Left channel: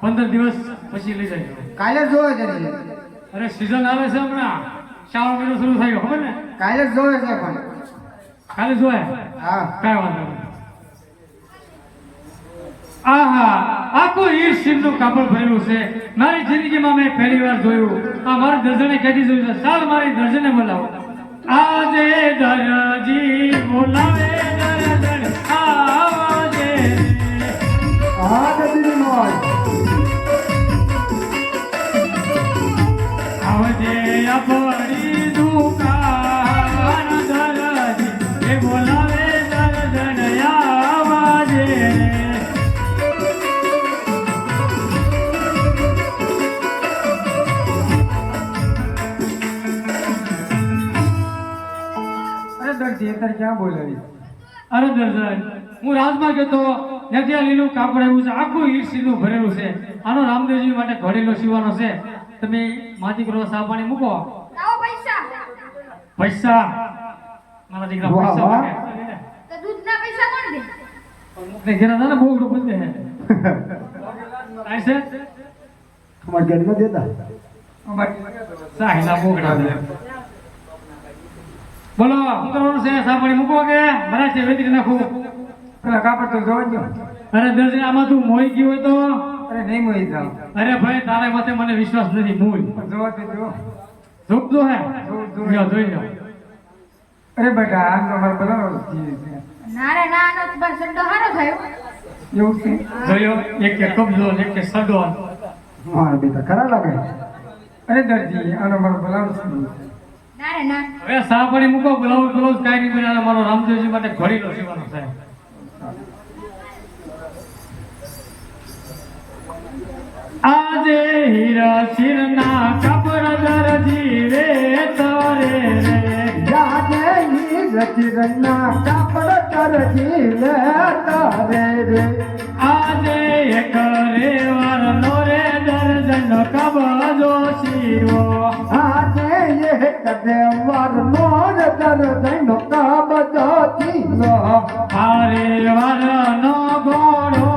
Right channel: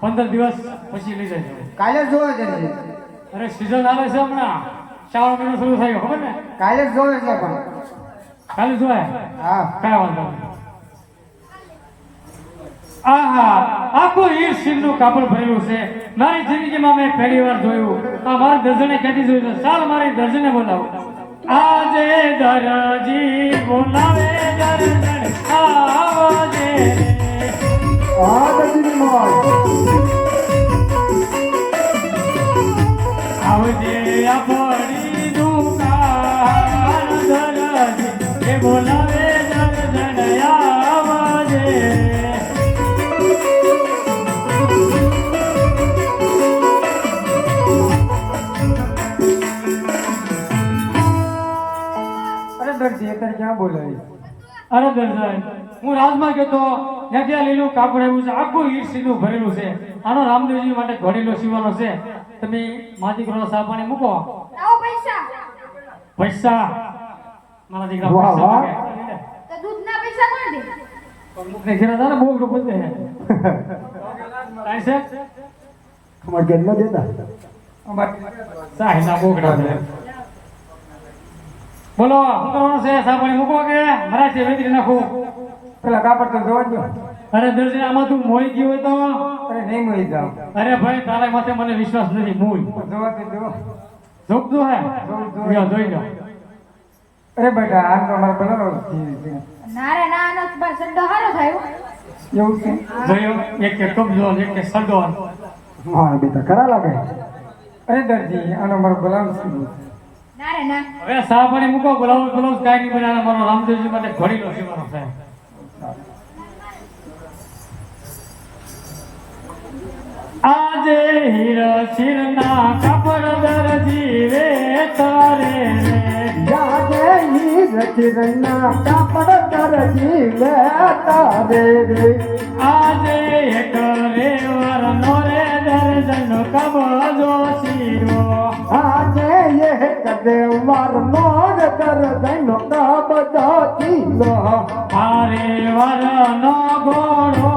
પંદર દિવસ પછી લઈ જાય કાલે જ જોવે છે અરે સિઝન આવે છે હમણાં. શ્રાવણ મહિનો શરૂ થાય ખબર ને? કાલે જ જોવે છે પણ. કાલે જોવે હા. કાંઈ વાંધો આહા આખું ઈર સીમનું કાપડ ભર્યું છે. મારી જિંદગીમાં મેં પહેલી વાર જોયું. આ મારા દર્જને કહેતી જોયું છે ચાલ મારી દર્જને બોલાવો. આજે દરજી બોલાવે અત્યારે ક્યાં બોલાવી? અરે દર્શન હું રાજમાં ગયો ત્યાંથી આ લીલું કાપડ આવ્યું છે આખું ઈર સીધું ભરેલું છે. આનો રામદેવજી માટે ઘડેલો સીવાનો છે. તમે માથી કરો સાપાણી મૂકો. પૈસા. પૈસા. મારા દીકરા પૈસા. તો દૂધના પૈસા કોણ દે? પણ મુખને ઘેરા હતા ને બહુ બધું પૂછે કાંઈ છે? તમારે જન્મ દેતા? બોગડા છે. બોલો શું કરવાનું છે સાંભળી મૂકો કે? મારા છે વેતરી નાખું. પેલા કાપડ તો જોવા દો અરે દર્શન આમાં તું મોઈ ગયું હોય તો? અરે નહીં મોઈ જાવ અરે ભાઈ તારા માથે મને વિશ્વાસ નથી મૂળ જોવા દે જો જોગતો હે. જો જોઈ. લો અરે બેટા આમ તો અમારે પેલા છે. ના રે ના બસ સંડો હારો થયો. એવું છે? જોયો એક કે કબજો એક કે સડો હા બેટા કરા લાગે? અરે દરજી આનો મારો બોલાવ છે? હવે સાપડી મૂકો બ્લાઉઝ બ્લાઉઝ કાંઈ નહીં બનાવે મારો રામદેવજી માટે ઘડીલો સીવાનો સાહેબ આજે હીરા શિરના કપર દરજી રે તારે રે. જાગે ઈ રચરણના કાપડ કરજી લે તારે રે. આજે એક રે વરનો મોરે દર્જન કબજો જોશી આજે એ કદે વાર મોર કર દેનો કાબદો તીલો હારે વરનો ઘોડો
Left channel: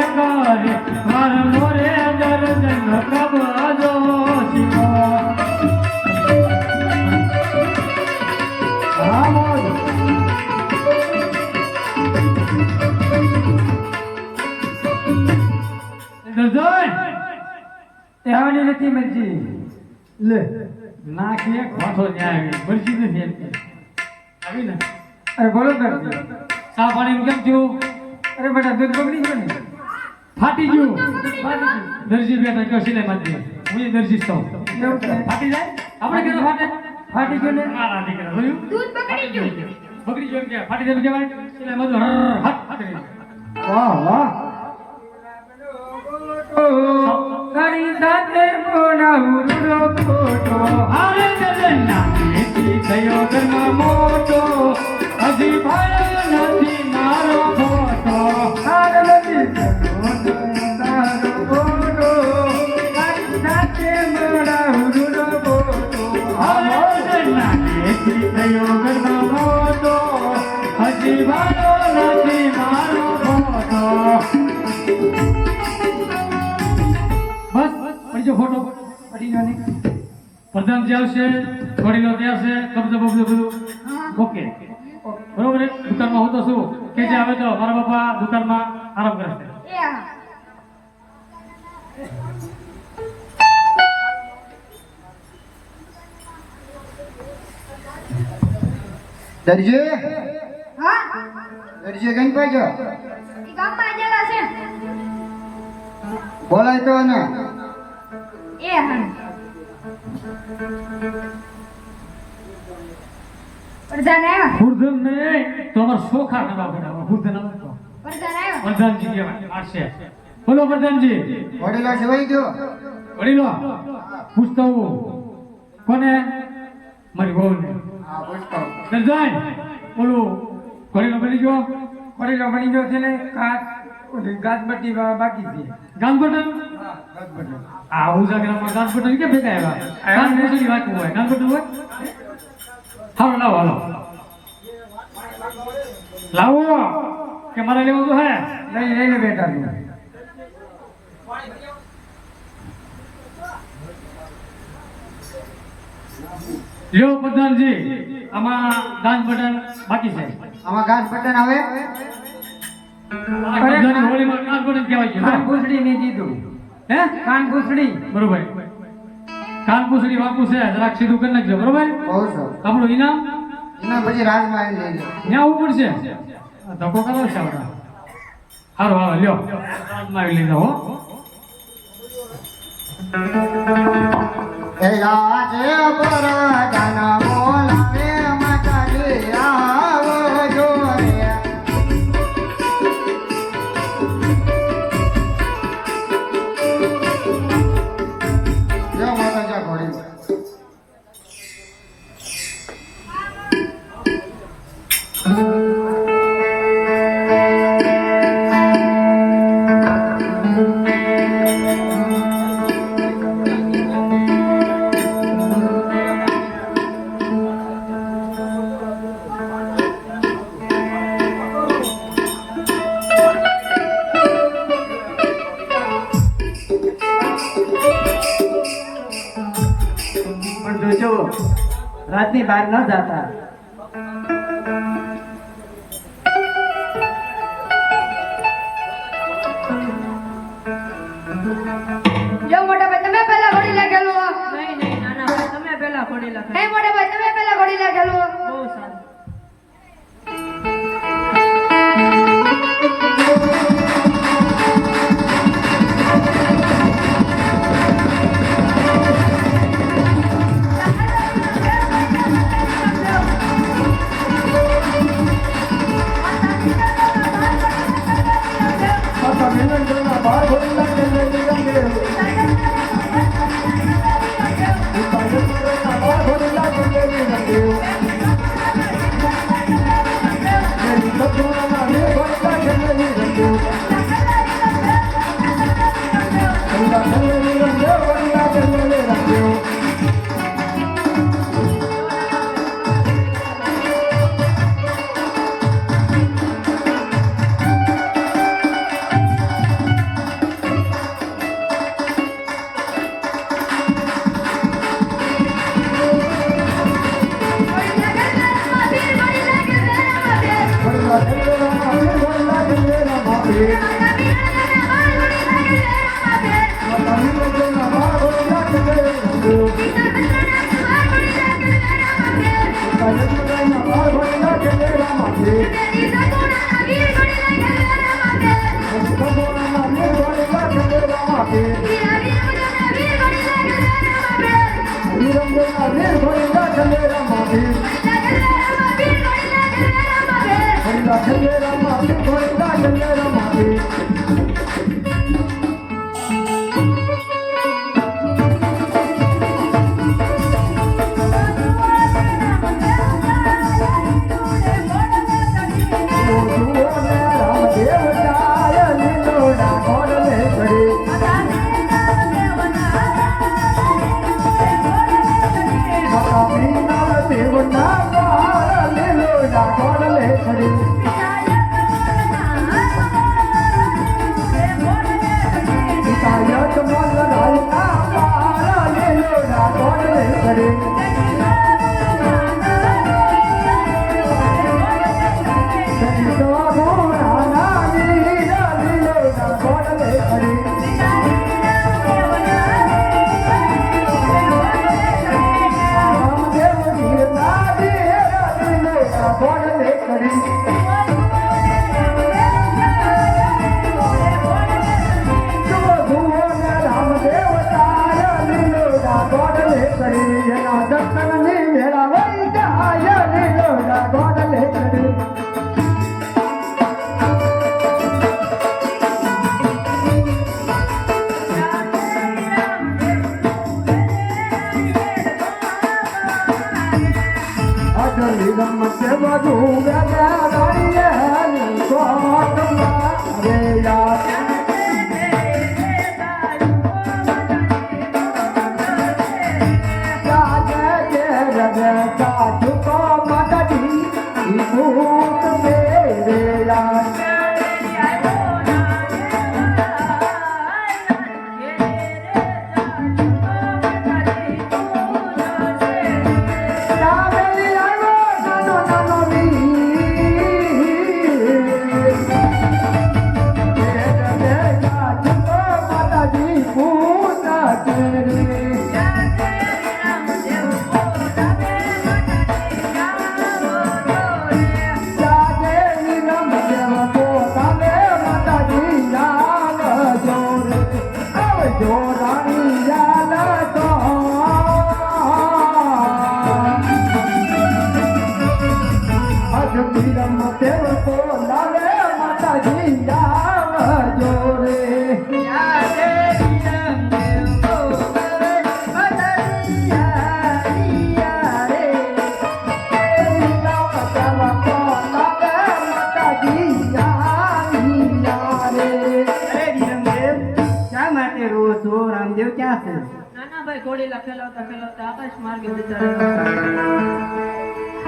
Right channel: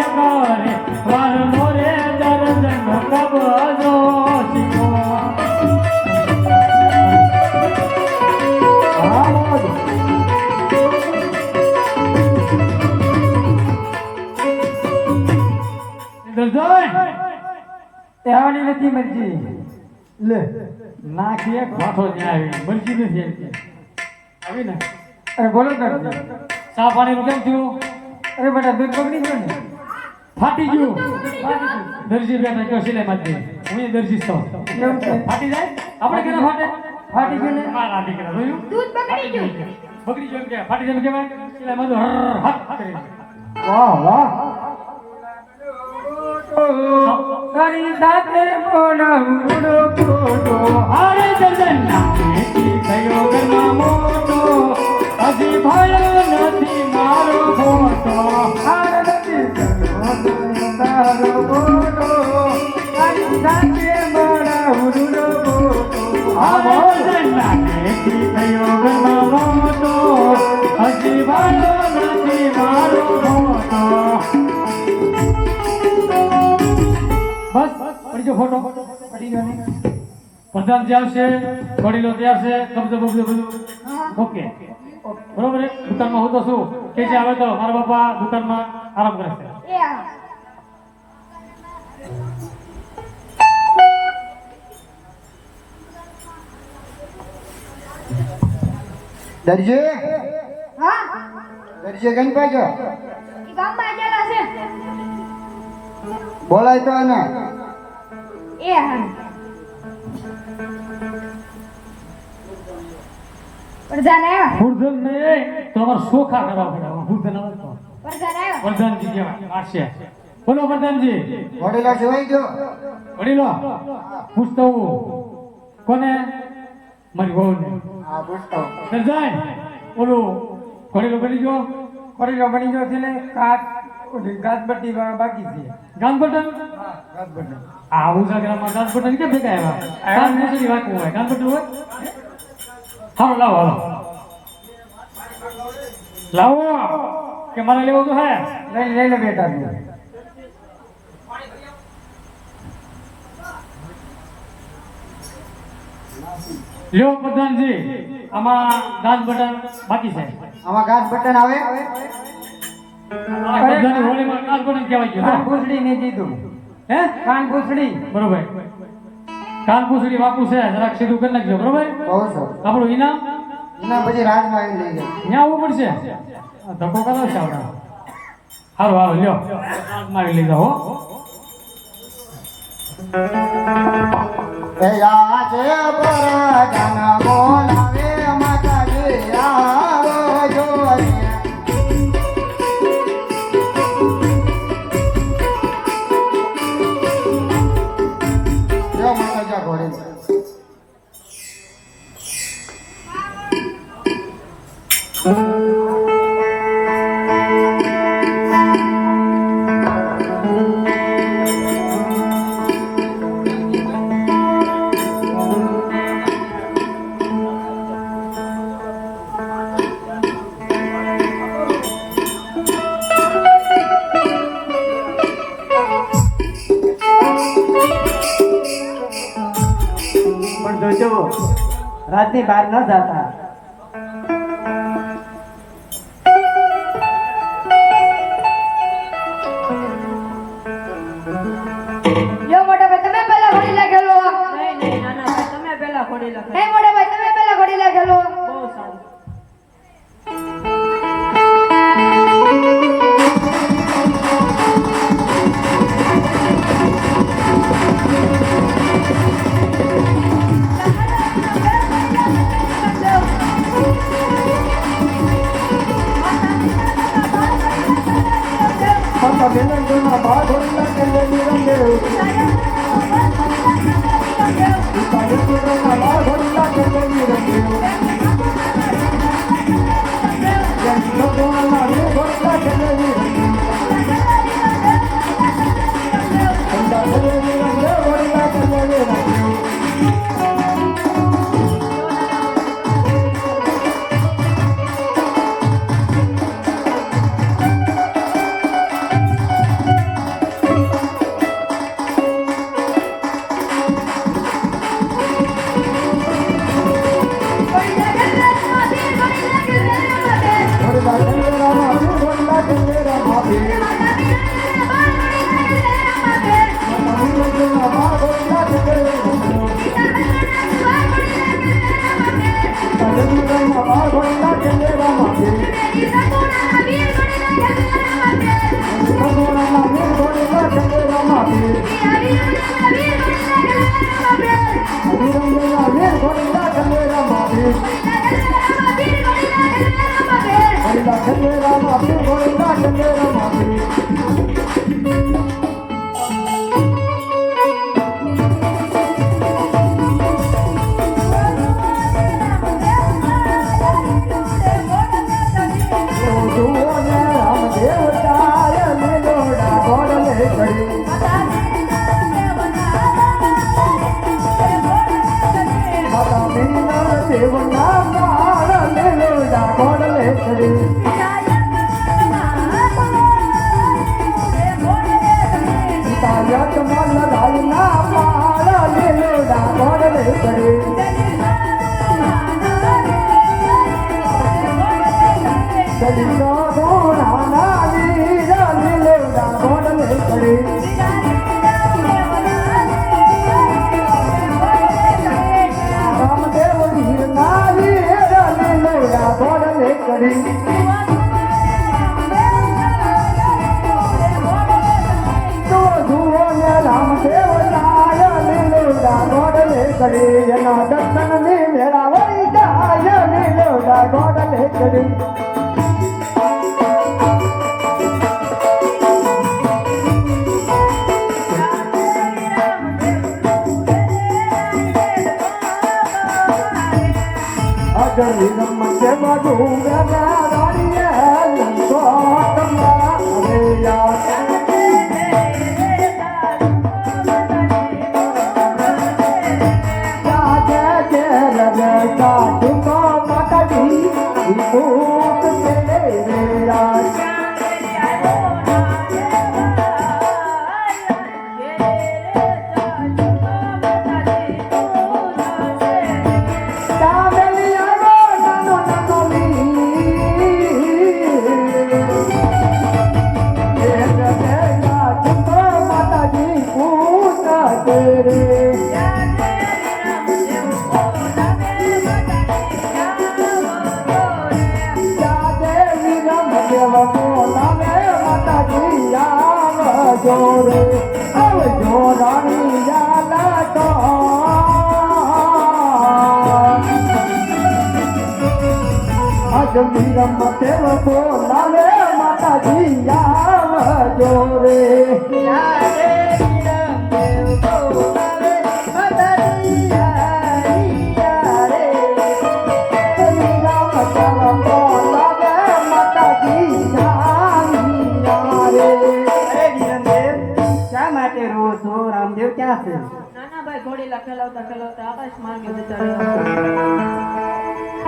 એક રે વરનો રે દર્જન કબજો શીરો આમોદ દર્જન નથી મરજી લે. નાખીએ ઘાટો ન્યાય આવી મરજી નથી એમ કે. આવી ને? અરે બોલો દરજી સા પાણીનું કેમ થયું? અરે બેટા દૂધ બગડી ગયું ને? ફાટી ગયું. ફાટી ગયું. દરજી બે ટકા સિલાઈ માંથી હું દરજી છો. ફાટી જાય? આપણે કેમ ફાટે? ફાટી ગયું ને? મારા દીકરા. જોયું? દૂધ બગડી ગયું. બગડી ગયું કે ફાટી જાય કેવાય? સિલાઈ માં તો હટ કરી વાહ વાહ. તારી સાથે બોલાવું કોટો આરે જગન્ના એટલી થયો ઘરમાં મોટો. હજી ભયો નથી મારો ફોટો હાર નથી થયો તારો ફોટો તારી દર્જનના એથી થયો પ્રધાન જે આવશે વડીલો ત્યાં છે કબજો બબજો બધું. ઓકે. બરોબર? દુકાનમાં હું તો શું કે જે આવે તો મારા બાપા દુકાનમાં આરામ કરે છે એ હા દરજી? હા? દરજી કઈ પાછો? ગામમાં છે. બોલાય તો ને એ હા. ને સોખા કરવા પડે. ફૂરધન આવે તો. પ્રધાન આવ્યો પ્રધાનજી કહેવાય. આ છે. બોલો પ્રધાનજી વડીલો જોઈ ગયો. વડીલો પૂછતો કોને? મારી વહુને. હા પૂછતો દરજાય ઓલું વડીલો બની ગયો? વડીલો બની ગયો છે ને કાચ ગાજબટ્ટી બાકી છે. ગામબટન હા ઉજા ગ્રામમાં ગામબટન કે ભેગા આવ્યા? ગામબટનની વાત હોય ગામબટન હોય? હાલો લાવો લાવો લાવો. કે મને લેવું તો હે? લઈ લઈને બેઠા છે લ્યો પ્રધાનજી. આમાં ગાજ બટન બાકી છે. આમાં ગાજ બટન આવે? બધાની હોળીમાં દાન કહેવાય છે કાન પૂછડી કીધું. હે? કાન બરોબર. કાન પૂછડી છે જરાક સીધું કરી નાખજો બરોબર? બહુ સર આપણું ઇનામ એના પછી રાજમાં લઈ લે ત્યાં ઉપર છે? ધક્કો કરો છે હારો હારો લ્યો. મારી લીધા હો. એ આજે પરાજન જોજો રાતની બહાર ન જાતા. ਦਾ ਖੰਡੇਰਾ ਮਾਪੀ ਹੋਏ ਦਾ ਖੰਡੇਰਾ ਮਾਪੀ i don't know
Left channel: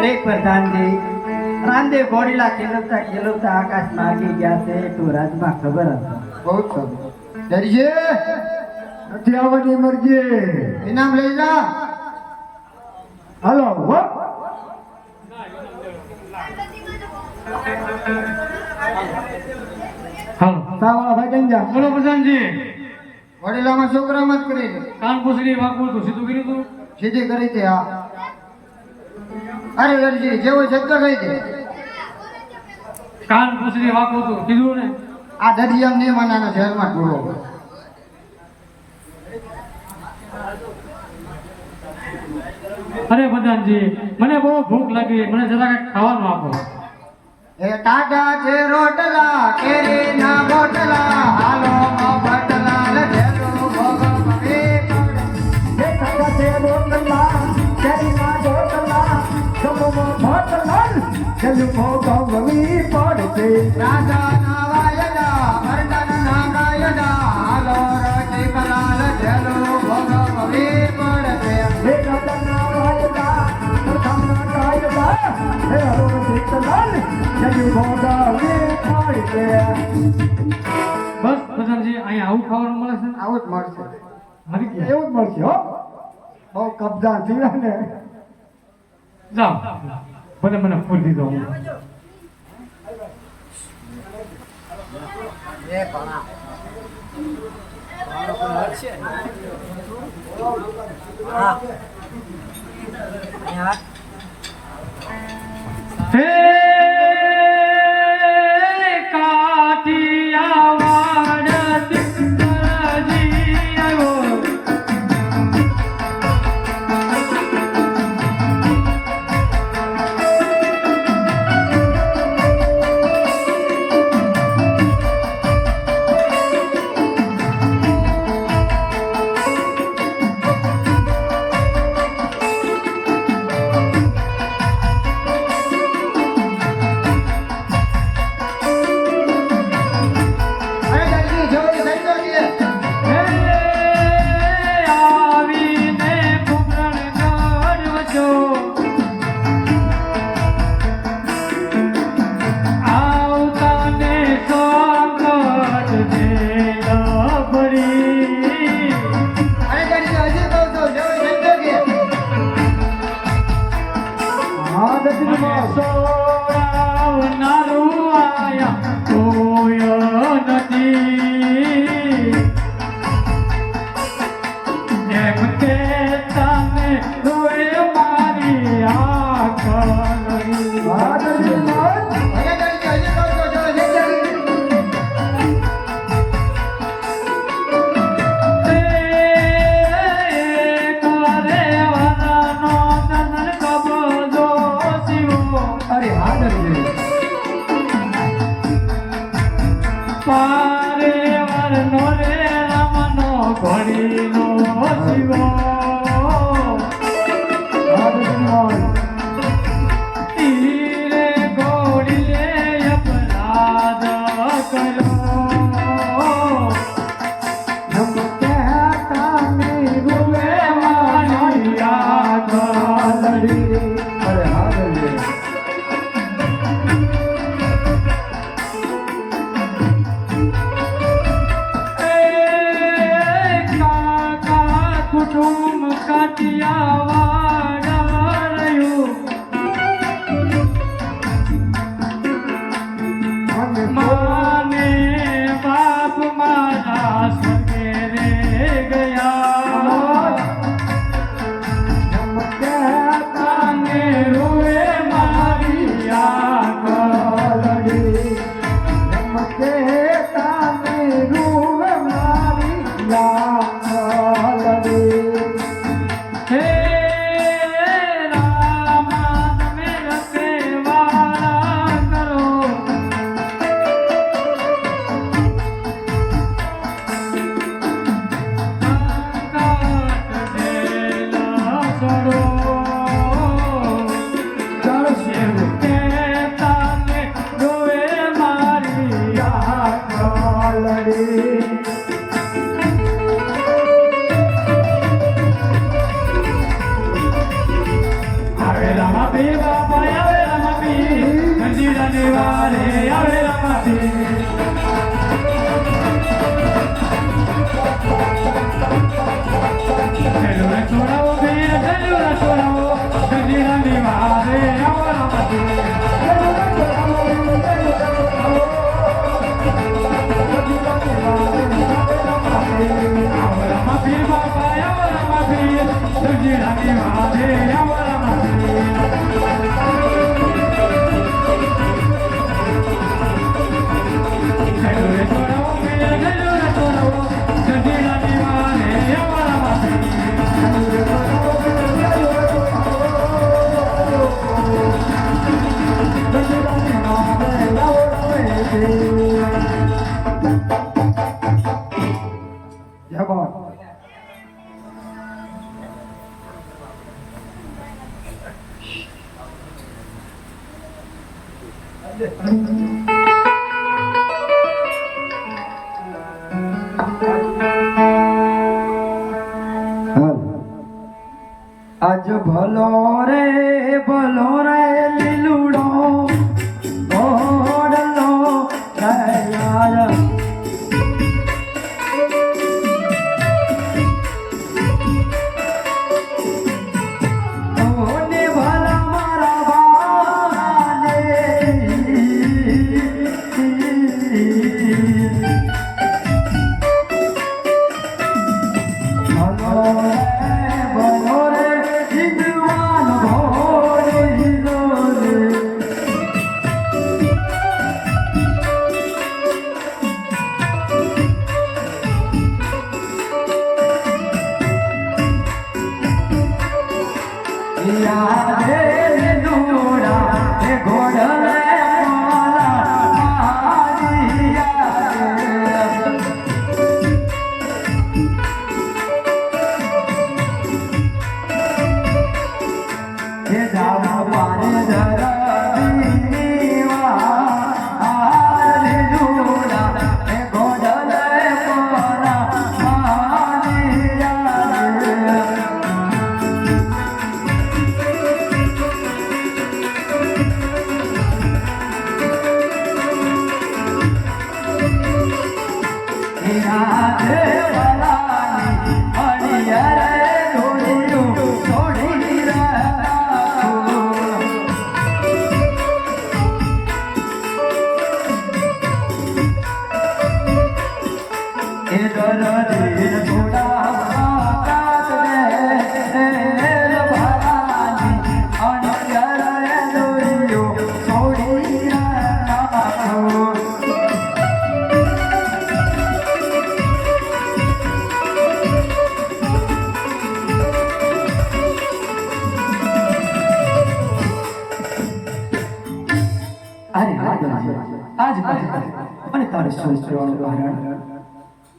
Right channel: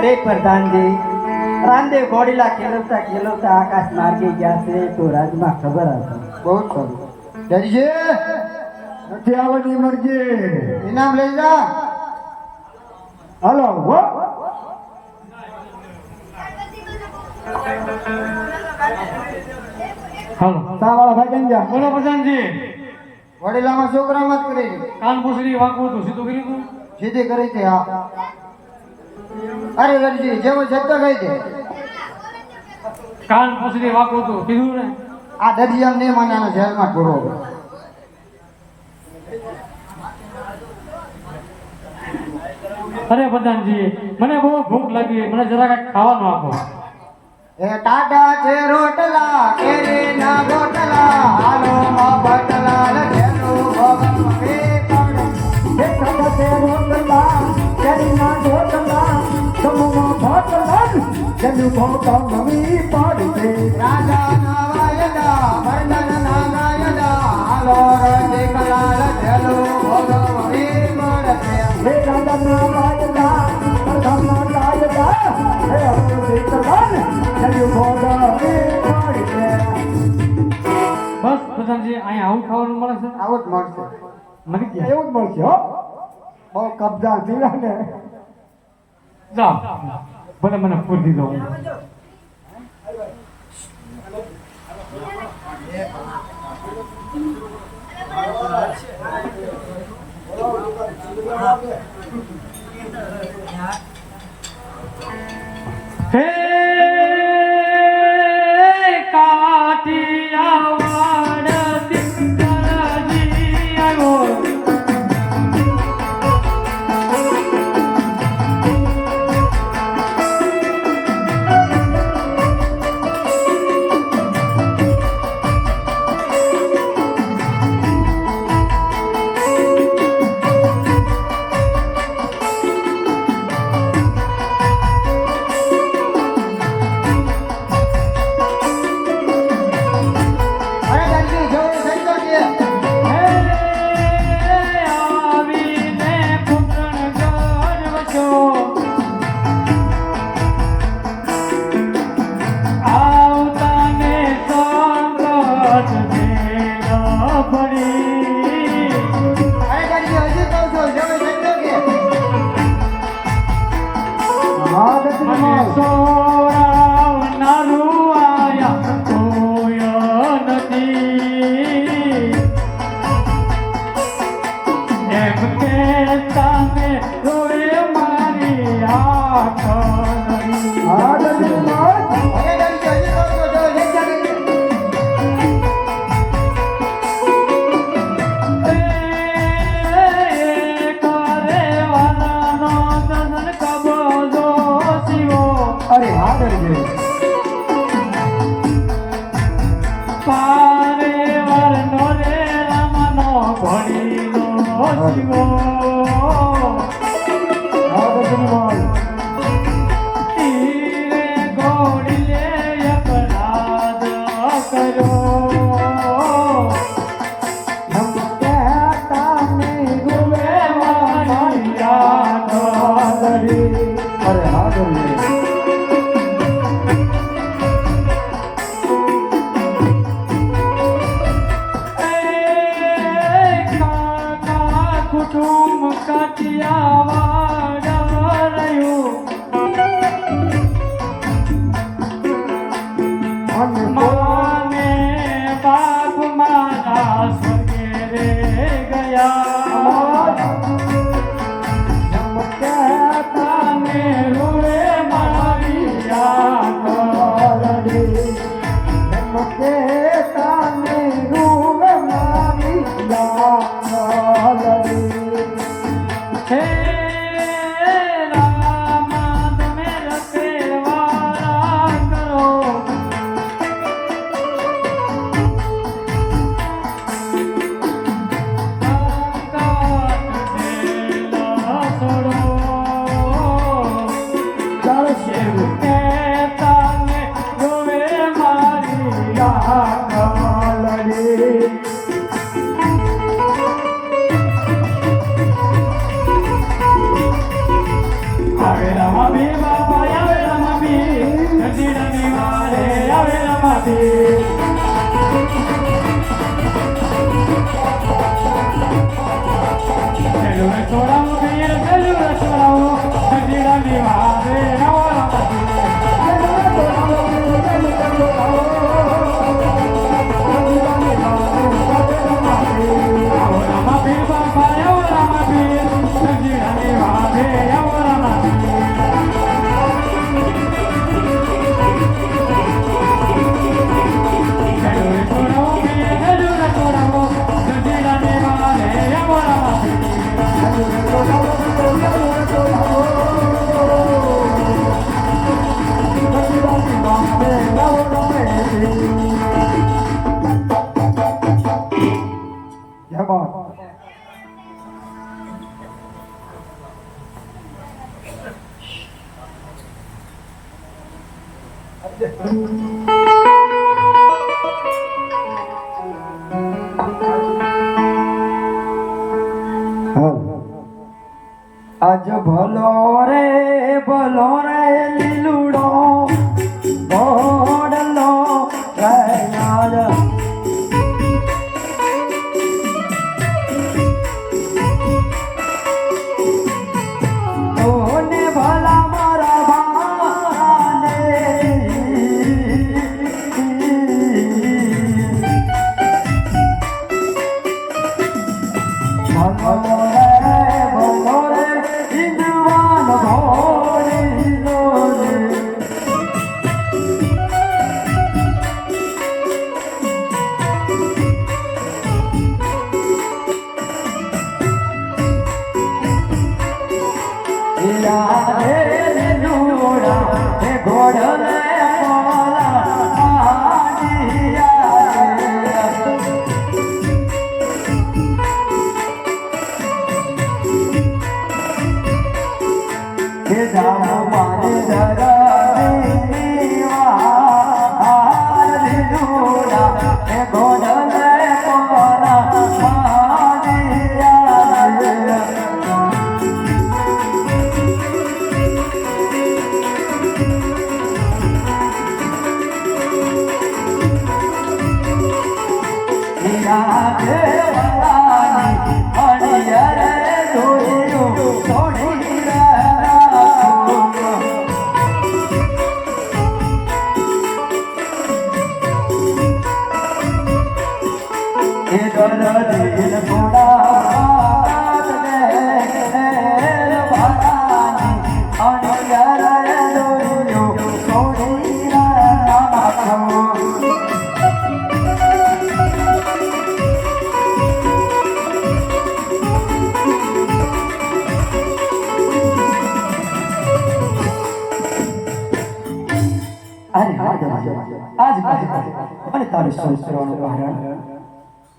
અરે પ્રધાનજી રામદેવ ગોડીલા ખેલવતા ખેલવતા આકાશ માગી ગયા છે તો રાજમાં ખબર હશે. બહુ સારું દરજી નથી આવવાની મરજી ઇનામ લઈ જા. હલો હો. સાવાળા ભાઈ કેમ જા બોલો પ્રધાનજી. વડીલામાં છોકરા મત કરી. કાન પૂછડી વાંકું તું સીધું કર્યું તું? સીધી કરી છે હા. અરે અરજી જેવો જતો ગઈ છે કાન પૂછડી વાંકું હતું કીધું ને? આ દરિયા નહીં માને એના શહેરમાં પૂરો અરે પ્રધાનજી મને બહુ ભૂખ લાગી મને જરા ખાવાનું આપો. એ ટાટા છે રોટલા કેરી ના રોટલા આલો માં બટલા ને જેનો ભગવાન. એ કણ. રાજા ના વાયદા વર્ણન ના ગાયદા આલો રે કલાલ જેનો ભગવાન એ કણ છે. બસ પ્રધાનજી અહીંયા આવું ખાવાનું મળે છે આવું જ મળશે. ગયા. એવું જ મળશે હો. બહુ કબજા થયા ને જાઓ ભલે મને પૂરી દીધો હે. ભલો રે ભલો રે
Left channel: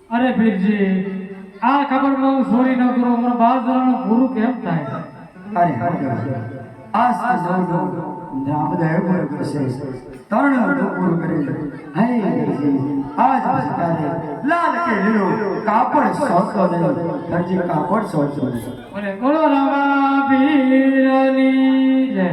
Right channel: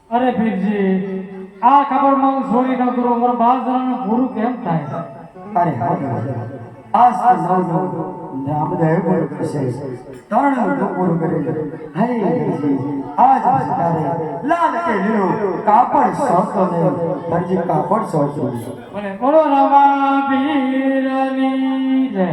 અરે પીરજી આ ખબર હું છોડી ન કરો પણ બાર જણાનું પૂરું કેમ થાય? અરે તો નવ નવ રામદેવ છે ત્રણ ડુકુર કરી. હે આજ તારે લાલ કે લીલો કાપડ સોતો દરજી કાપડ સોતો અને બોલો રામા પીરની જય.